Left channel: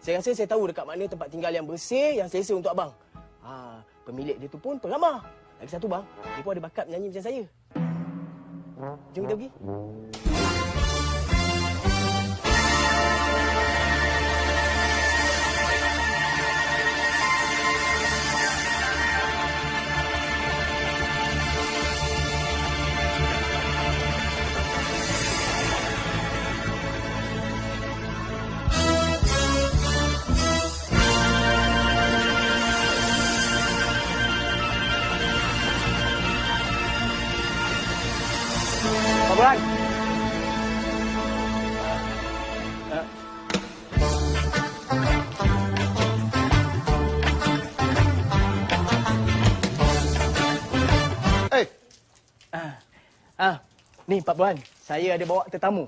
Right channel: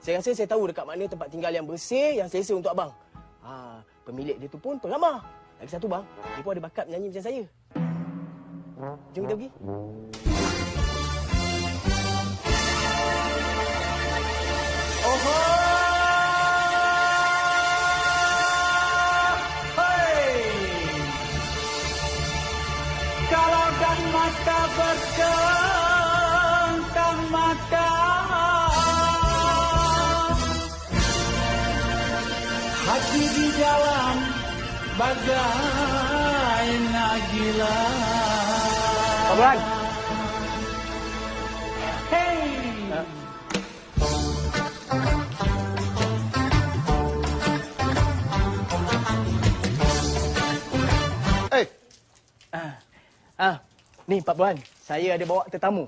Saya rasa saya tahu dekat mana tempat tinggal yang bersih, yang selesa untuk abang. Pemilik dia tu pun pengamal. Lagi satu bang, dia pun ada bakat menyanyi macam saya. Jom kita pergi. Pak Bulan. Ni Pak Bulan, saya ada bawa tetamu.